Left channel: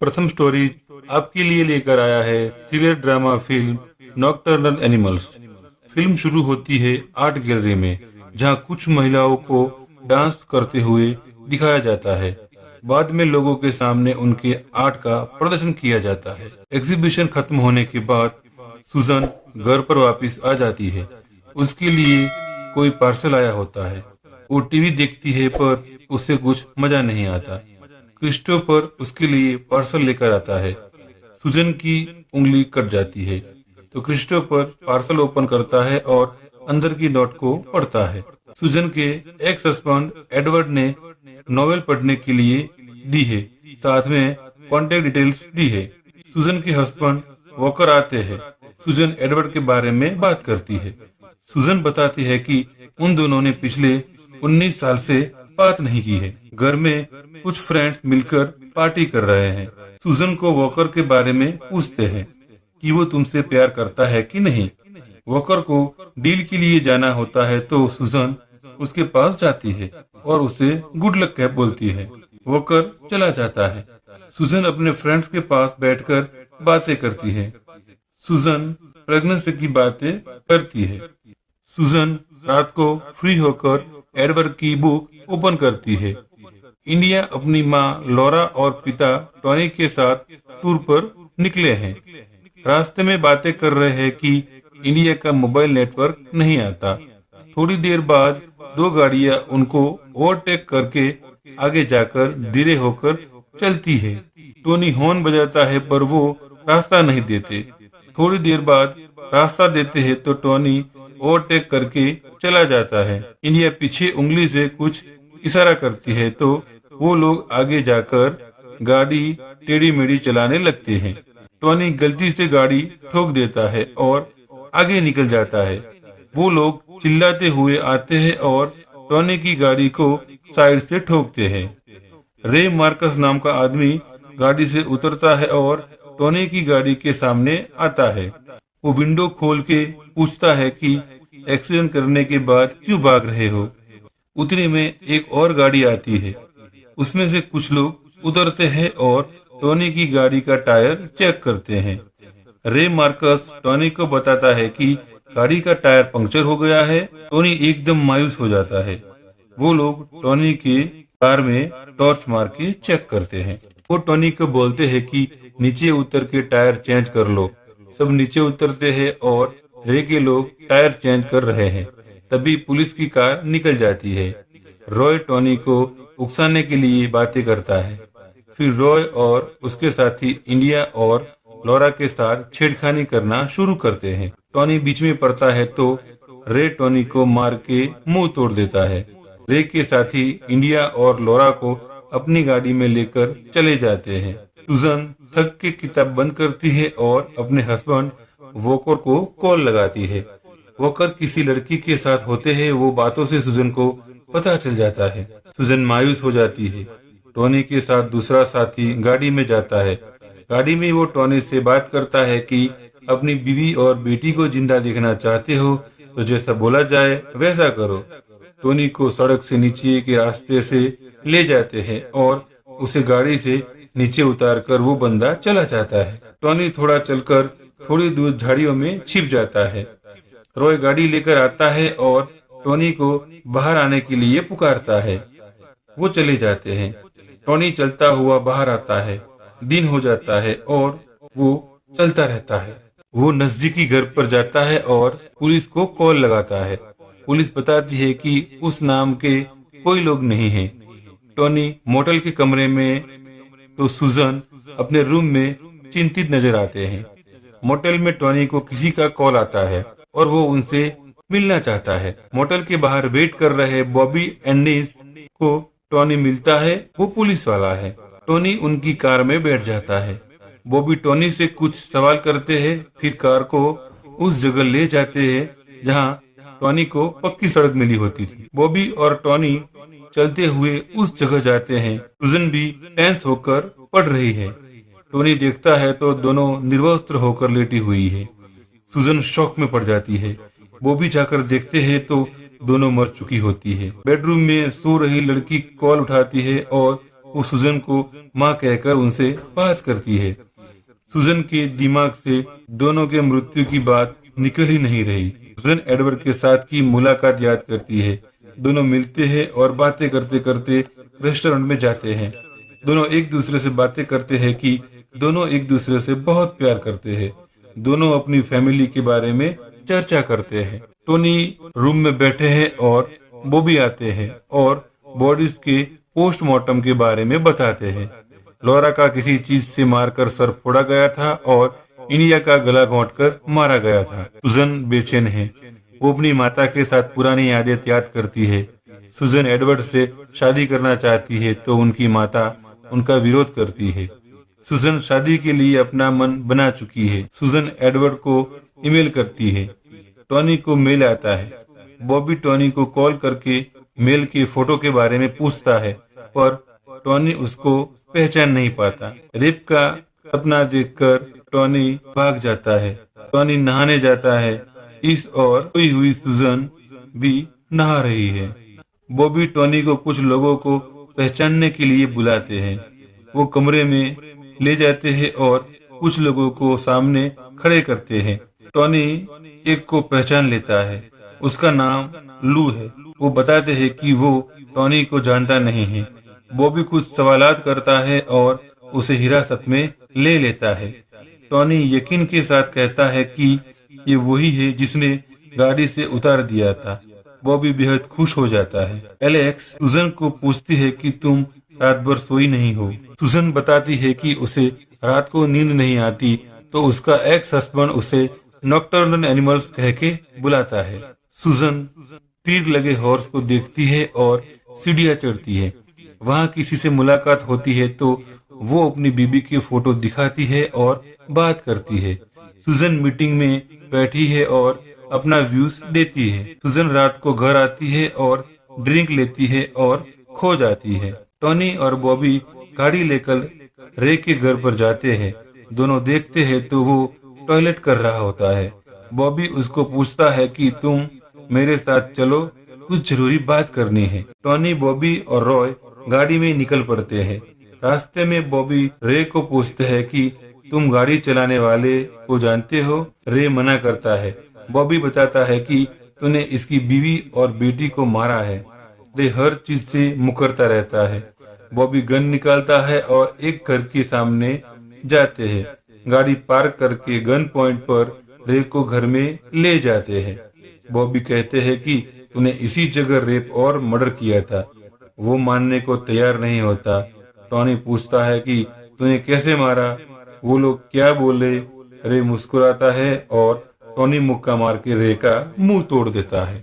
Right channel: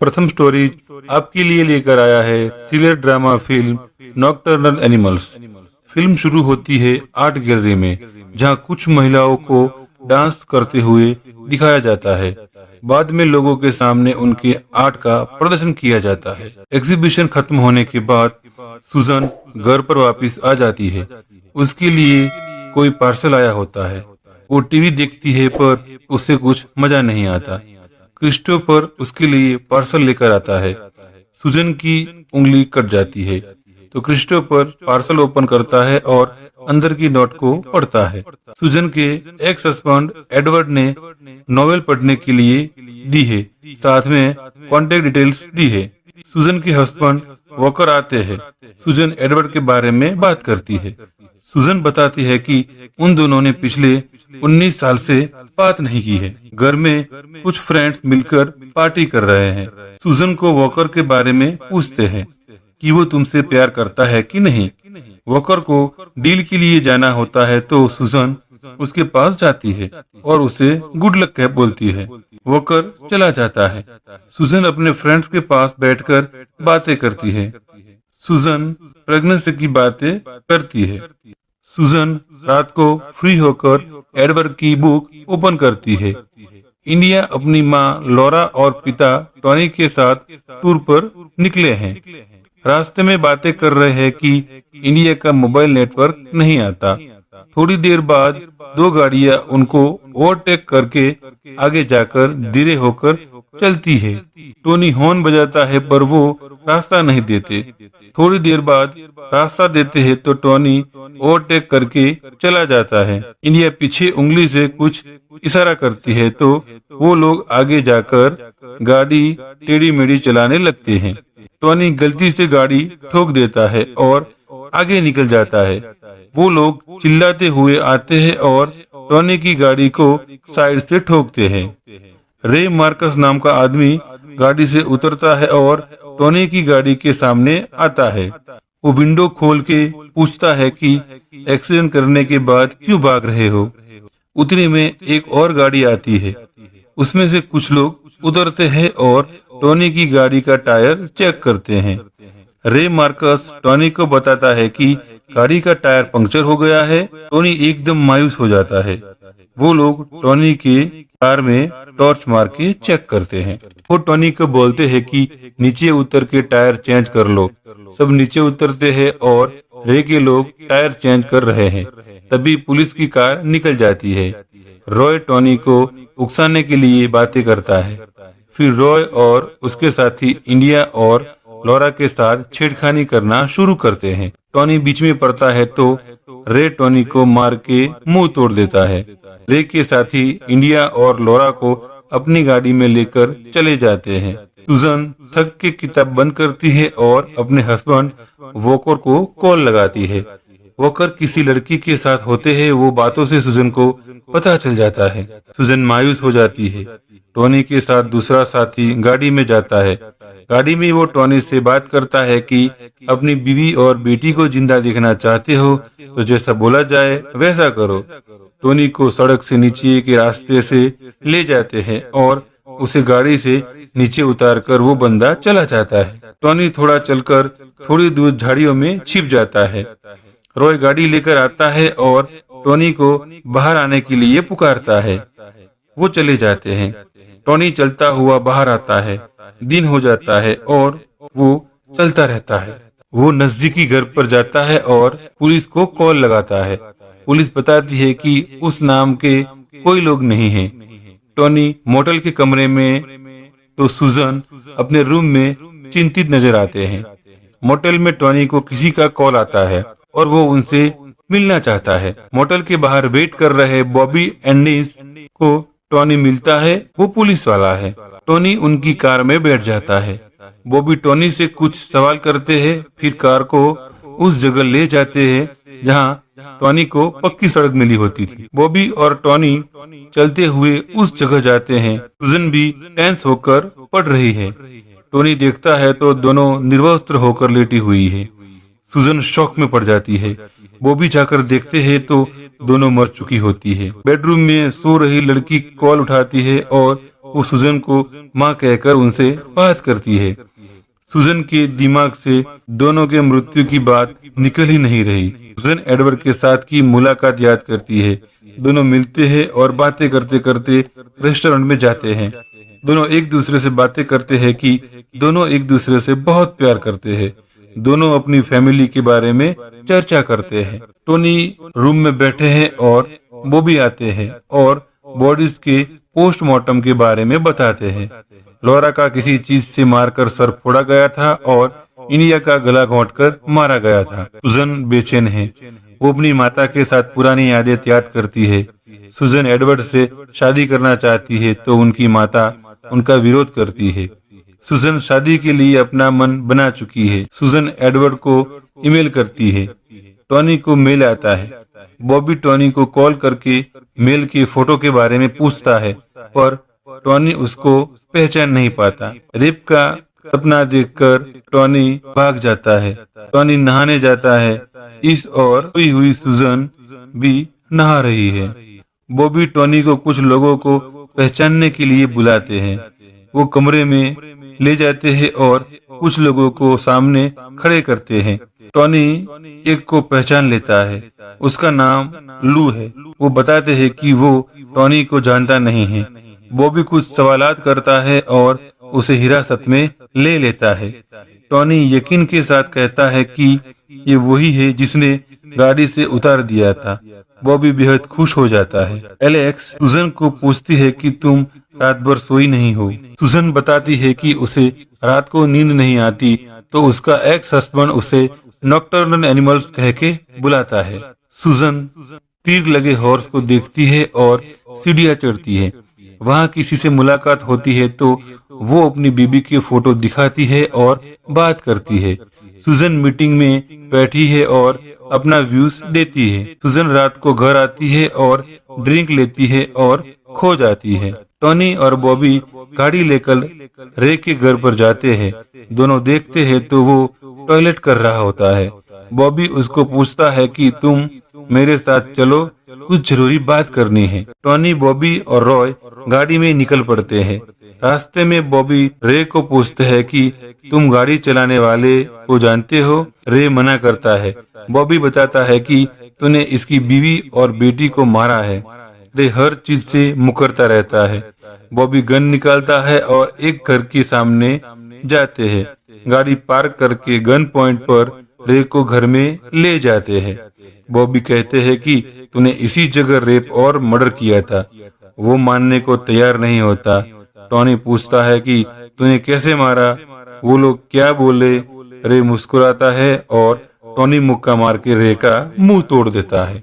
प्रथम स्टोरी आपके लिए लेकर आया है thriller drama film nocturnal animals. Film शुरू होती है आर्ट गैलरी में, जहां कुछ महिलाओं को डांस करते हुए दिखाया जाता है। बाद में लोगों के सामने उनके आर्ट का प्रदर्शन किया जाता है। एग्जीबिशन खत्म होने के बाद सुजन घर पर वापस आ जाती है। उसके लिए कोई पार्सल आया होता है। वो टीवी देखती है पर उसे कुछ मजा नहीं आता। क्रिस्टोफर उसके लिए पार्सल लेकर आता है। सुजन की उंगली कट जाती है तो क्रिस्टोफर पार्सल ओपन करता है और अंदर की नोट को पढ़ता है। सुजन के एक्स हस्बैंड एडवर्ड ने नॉवेल पढ़ने के लिए दी है, साथ में कॉन्टेक्ट डिटेल्स दी है। सुजन के हस्बैंड वॉकर आते हैं। सुजन एडवर्ड के बारे में बात करती है। सुजन बताती है कि उन दोनों ने पिछले 19 साल से बात नहीं की है। घर में कुछ फ्रेंड्स मिलकर पार्टी कर रहे हैं। सुजन को वॉकर के बारे में पूछते हैं कि वो तुमसे प्यार करता है कि नहीं। वॉकर को डील के लिए जाना होता है तो सुजन उसके पास जाती है और उसे गुड लक कह बोलती है। वॉकर चला जाता है। सुजन अपने फ्रेंड्स के पास बैठकर बातें करती है। सुजन प्रेगनेंसी की बातें करती है। सुजन रात को फ्री होकर एडवर्ड की बुक ओपन करती है। इंडिया अपनी माँ लॉरा और पिता टॉनी के साथ टूर पर निकले हैं। रास्ते में बातें कर रहे हैं कि इंडिया का मोबाइल नेटवर्क नहीं आता। थोड़ी देर बाद दो गाड़ियां उनको ओवरटेक करके आगे जाकर धीरे होकर चलती है। टोनी हॉर्न बजाता है पर वो रास्ता नहीं देते। थोड़ी देर बाद रास्ता देते हैं तो टोनी ओवरटेक करके चला जाता है। इंडिया पीछे उंगली से कुछ इशारा करती है तो वो लोग आगे जाकर गाड़ी टेढ़ी मेढ़ी चलाने लगते हैं। टोनी गलती से गाड़ी ठोक देता है और आगे निकल जाता है। वो लोग चिल्लाते हुए आते हैं और टोनी की गाड़ी को साइड से ठोकते हैं। रे मार्कस नाम का आदमी गाड़ी से उतरता है और टोनी की गाड़ी के सामने आता है। वो विंडो खोल के पूछता है कि एक्सीडेंट करने के बाद क्यों भाग रहे हो। उतने में एक और गाड़ी आती है। उसमें से कुछ लोग उतरते हैं और टोनी की गाड़ी का टायर चेक करते हैं। रे मार्कस टोनी को बताता है कि गाड़ी का टायर पंक्चर हो गया है। टोनी एकदम मायूस हो जाता है। वो लोग टोनी के कार में टॉर्च मार के चेक करते हैं। वो टोनी को बोलते हैं कि नीचे उतर के टायर चेंज कर लो। सब नीचे उतरते हैं और रे के लोग टायर चेंज कर रहे हैं। तभी पुलिस की कार निकल जाती है। रॉय टोनी को उकसाने के लिए बातें करता है। फिर रॉय और उसके साथी इंडिया और लॉरा के साथ छेड़खानी करना शुरू करते हैं। टोनी बीच में पड़ता है तो रे टोनी को मार के मुंह तोड़ देता है। रे के साथी इंडिया और लॉरा को अपनी गाड़ी में लेकर चले जाते हैं। सुजन थक के किताब बंद करती है और अपने हस्बैंड वॉकर को कॉल लगाती है। वॉकर किसी लड़की के साथ होते हैं। वो बातों से सुजन को पता चल जाता है। सुजन मायूस हो जाती है। टोनी के साथ दूसरा साथी गाड़ी में जाता है। गाड़ी में वो टोनी से बात करता है कि अपनी बीवी और बेटी को जिंदा देखना चाहते हो तो जैसा बोला जाए वैसा करो। टोनी को सड़क से नीचे के रास्ते से ले जाते हैं और उसे गाड़ी से नीचे उतारकर वो बंदा चला जाता है। टोनी थोड़ा चलकर थोड़ी दूर झाड़ियों में छिप जाता है। रॉय गाड़ी लेकर आता है और टोनी को बाहर आने के लिए पुकारता है। वो चले जाते हैं। टोनी चलता हुआ बाहर आता है। दिन हो जाता है और वो चलता रहता है। वो नजदीकी घर पर जाता है और पुलिस को कॉल लगाता है। पुलिस बताती है कि उस नाम के कोई लोग नहीं हैं। टोनी मोटल के कमरे में तो सुजन अपने रूम में चिंतित नजर आते हैं। मोटल में टोनी को किसी का कॉल आता है और वो उनसे मिलना चाहता है। मोटल के बाहर वेट कर रहे बॉबी एंडीज को टोनी मिलता है। वो पुलिस वाला है। टोनी उनकी कार में बैठ जाता है। बॉबी टोनी से कुछ सवाल करते हैं, फिर कार को उस जगह ले जाते हैं जहां टोनी को पक्की सड़क मिली होती थी। बॉबी और टोनी चलते हुए उस जगह जाते हैं। सुजन भी टेंस होकर पड़ रही है। टोनी देखता है तो दोनों निर्वस्त्र होकर लेटी हुई है। सुजन शॉक में पड़ जाती है। बॉबी जाकर देखते हैं तो दोनों मर चुकी होती है। बेडरूम में सो रही लड़की कॉल उठाती है और वो सुजन को माँ कहकर उनसे पास करती है। सुजन के दिमाग से दोनों के मृत्यु की बात निकल ही नहीं रही। सुजन एडवर्ड के साथ की मुलाकात याद करती है। दोनों मिलते हैं और बातें करते करते रेस्टोरेंट में जाते हैं। दोनों एक दूसरे से बातें करते हैं कि दोनों एक दूसरे से बहुत प्यार करते हैं। दोनों अपनी फैमिली के बारे में चर्चा करते हैं। टोनी रूम में बैठे हैं और बॉबी आते हैं और बॉडीज के पोस्टमार्टम के बारे में बताते हैं। लॉरा का किसी चीज से मारकर सर फोड़ा गया था और इंडिया का गला घोंटकर मारा गया था। सुजन बेचैन है। वो अपनी माता के साथ पुरानी यादें याद करती है। सुजन एडवर्ड से शादी करना चाहती है तो उनकी माता उनका विरोध करती है। सुजन शादी के लिए अपना मन बना चुकी है। सुजन एडवर्ड को ईमेल करती है। टॉनी को मेल आता है। बॉबी टॉनी को कॉल करके मेल के फोटो के बारे में पूछता है, पर टॉनी उसको पहचान नहीं पाता। रेप का सपना देखकर टॉनी भाग जाता है। टॉनी नहाने जाता है। इस और सोई हुई सुजन भी नहा रही है। बॉबी टॉनी को कुछ लोगों को पहचानने के लिए बुलाते हैं। वो कमरे में ले जाते हैं और कुछ लोगों को सामने खड़े करते हैं। टॉनी एक को पहचान लेता है। उसका नाम लू है। वो बताते हैं कि वो टॉनी को जानता नहीं है। बॉबी कुछ सवालात करता है और उसे हिरासत में ले लेता है। टॉनी यकीन के साथ कहता है कि ये वही है जिसने गाड़ी से उतार दिया था। बॉबी बेहद खुश हो जाता है। एलेक्स सुजन को पूछती है कि तुम रात भर सोई नहीं हो। सुजन बताती है कि उसे रात को नींद नहीं आती, तो उसका एक्स हस्बैंड उसे नॉकटर्नल एनिमल्स कह के बुलाता है। सुजन तीर लगे हॉर्स को देखती है और सीढ़ियां चढ़ती है। वहाँ किसी से मुलाकात होती है तो वो अपनी बीबी की फोटो दिखाती है और बात करती है। सुजन मीटिंग में बैठी है और अपना व्यूज देती है। सुजन रात को घर आती है और ड्रिंक लेती है और खो जाती है। टॉनी और बॉबी गाड़ी लेकर रे के घर पर जाते हैं। दोनों देखते हैं तो वो टॉयलेट कर रहा होता है। बॉबी उसको पूछता है कि तुम मेरे साथ चलो, कुछ जरूरी बात करनी है। टॉनी, बॉबी और रॉय गाड़ी में निकल पड़ते हैं। रास्ते में बॉबी रे को पूछते हैं कि तुम गाड़ी चलाने वाले को जानते हो। रे मना करता है। बॉबी बताता है कि तूने इसकी बीवी और बेटी को मारा है। रे हर चीज से मुकरता रहता है। बॉबी गन निकालता है और एक घर के सामने जाते हैं। गाड़ी पार्क करके गन पॉइंट पर रे को घर में ले जाते हैं। बॉबी कहते हैं कि तूने इसी जगह रेप और मर्डर किया था। वो मानने को तैयार नहीं होता। टॉनी पूछता है कि तूने कैसे मारा, वो लोग क्या बोले। रे मुस्कुराता है और टॉनी मुक्का मार के रे का मुंह तोड़ देता है।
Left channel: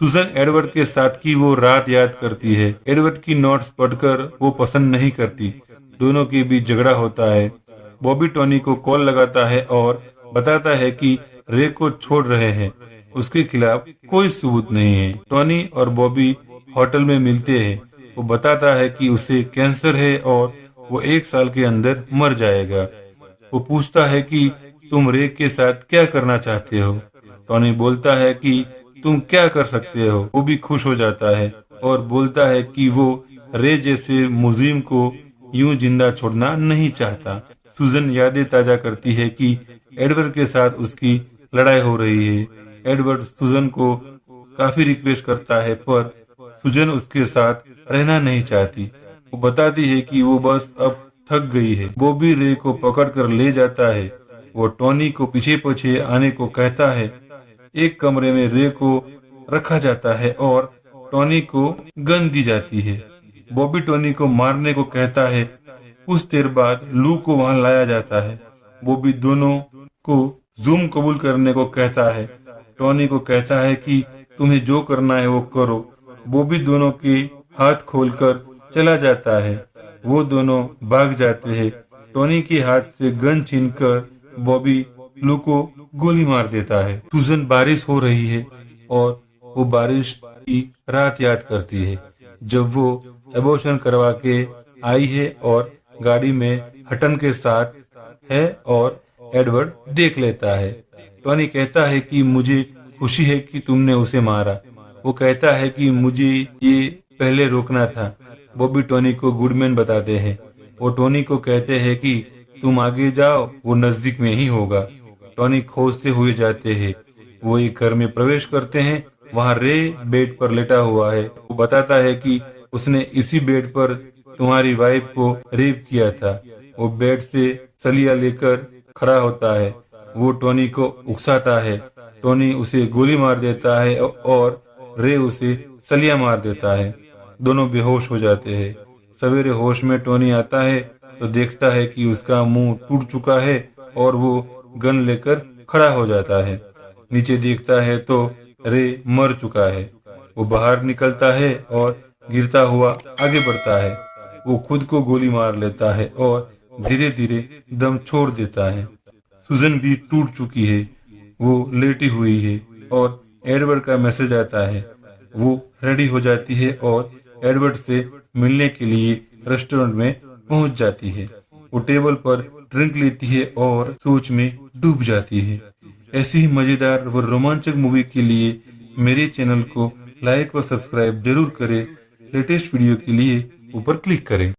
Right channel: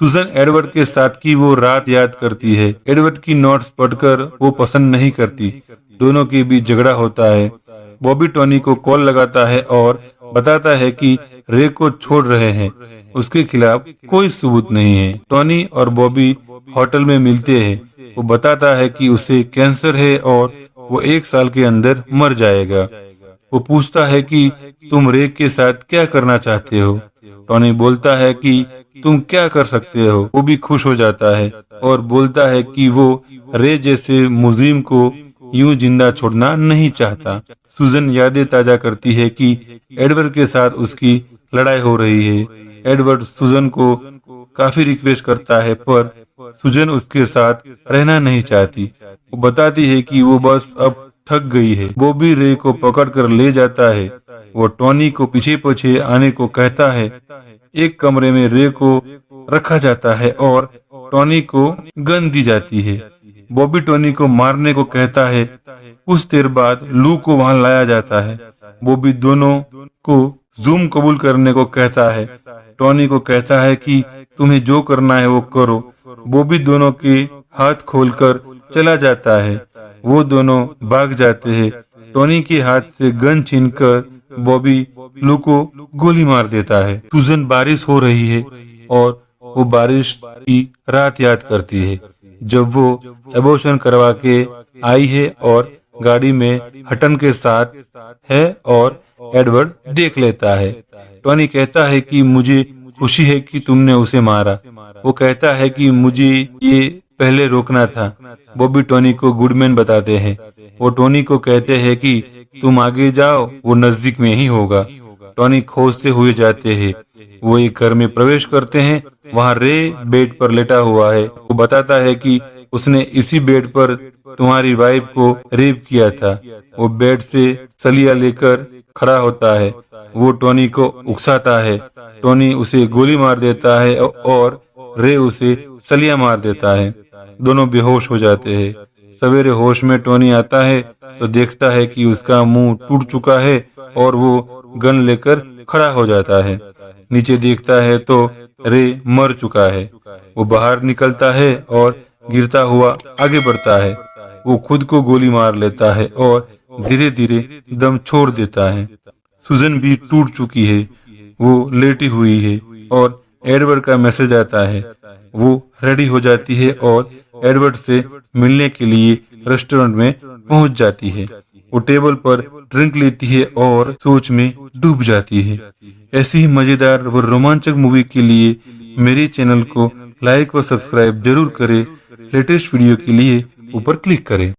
सुजन एडवर्ड के साथ की वो रात याद करती है। एडवर्ड की नोट्स पढ़कर वो पसंद नहीं करती। दोनों के बीच झगड़ा होता है। बॉबी टॉनी को कॉल लगाता है और बताता है कि रे को छोड़ रहे हैं। उसके खिलाफ कोई सबूत नहीं है। टॉनी और बॉबी होटल में मिलते हैं। वो बताता है कि उसे कैंसर है और वो 1 साल के अंदर मर जाएगा। वो पूछता है कि तुम रे के साथ क्या करना चाहते हो। टॉनी बोलता है कि तुम क्या कर सकते हो। वो भी खुश हो जाता है और बोलता है कि वो रे जैसे मुजरिम को यूं जिंदा छोड़ना नहीं चाहता। सुजन यादें ताजा करती है कि एडवर्ड के साथ उसकी लड़ाई हो रही है। एडवर्ड सुजन को काफी रिक्वेस्ट करता है, पर सुजन उसके साथ रहना नहीं चाहती। वो बताती है कि वो बस अब थक गई है। बॉबी रे को पकड़कर ले जाता है। वो टॉनी को पीछे पीछे आने को कहता है। एक कमरे में रे को रखा जाता है और टॉनी को गन दी जाती है। बॉबी टॉनी को मारने को कहता है। कुछ देर बाद लू को वहां लाया जाता है। बॉबी दोनों को जूम कबूल करने को कहता है। टॉनी को कहता है कि तुम्हें जो करना है वो करो। बॉबी दोनों के हाथ खोलकर चला जाता है। वो दोनों भाग जाते हैं। टॉनी के हाथ से गन छीनकर बॉबी लू को गोली मार देता है। सुजन बारिश हो रही है और वो बारिश की रात याद करती है जब वो एबॉर्शन करवा के आई है और गाड़ी में हटन के साथ है और एडवर्ड देख लेता है। टॉनी कहता है कि मुझे खुशी है कि तुमने उसे मारा। वो कहता है कि मुझे ये पहले रोकना था। बॉबी टॉनी को गुडमैन बताते हैं। वो टोनी को कहते हैं कि तुम आगे जाओ, वो नजदीक में ही होगा। टोनी खोजते हुए जाते हैं। वो एक घर में प्रवेश करते हैं। वहाँ रे बेड पर लेटा हुआ है। वो बताता है कि उसने इसी बेड पर तुम्हारी वाइफ को रेप किया था। वो बेड से सलिया लेकर खड़ा होता है। वो टोनी को उकसाता है। टोनी उसे गोली मार देता है और रे उसे सलिया मार देता है। दोनों बेहोश हो जाते हैं। सवेरे होश में टोनी आता है तो देखता है कि उसका मुंह टूट चुका है और वो गन लेकर खड़ा हो जाता है। नीचे देखता है तो रे मर चुका है। वो बाहर निकलता है और गिरता हुआ आगे बढ़ता है। वो खुद को गोली मार लेता है और धीरे धीरे दम छोड़ देता है। सुजन भी टूट चुकी है। वो लेटी हुई है और एडवर्ड का मैसेज आता है। वो रेडी हो जाती है और एडवर्ड से मिलने के लिए रेस्टोरेंट में पहुंच जाती है। वो टेबल पर ड्रिंक लेती है और सोच में डूब जाती है। ऐसी ही मजेदार व रोमांचक मूवी के लिए मेरे चैनल को लाइक व सब्सक्राइब जरूर करें। लेटेस्ट वीडियो के लिए ऊपर क्लिक करें।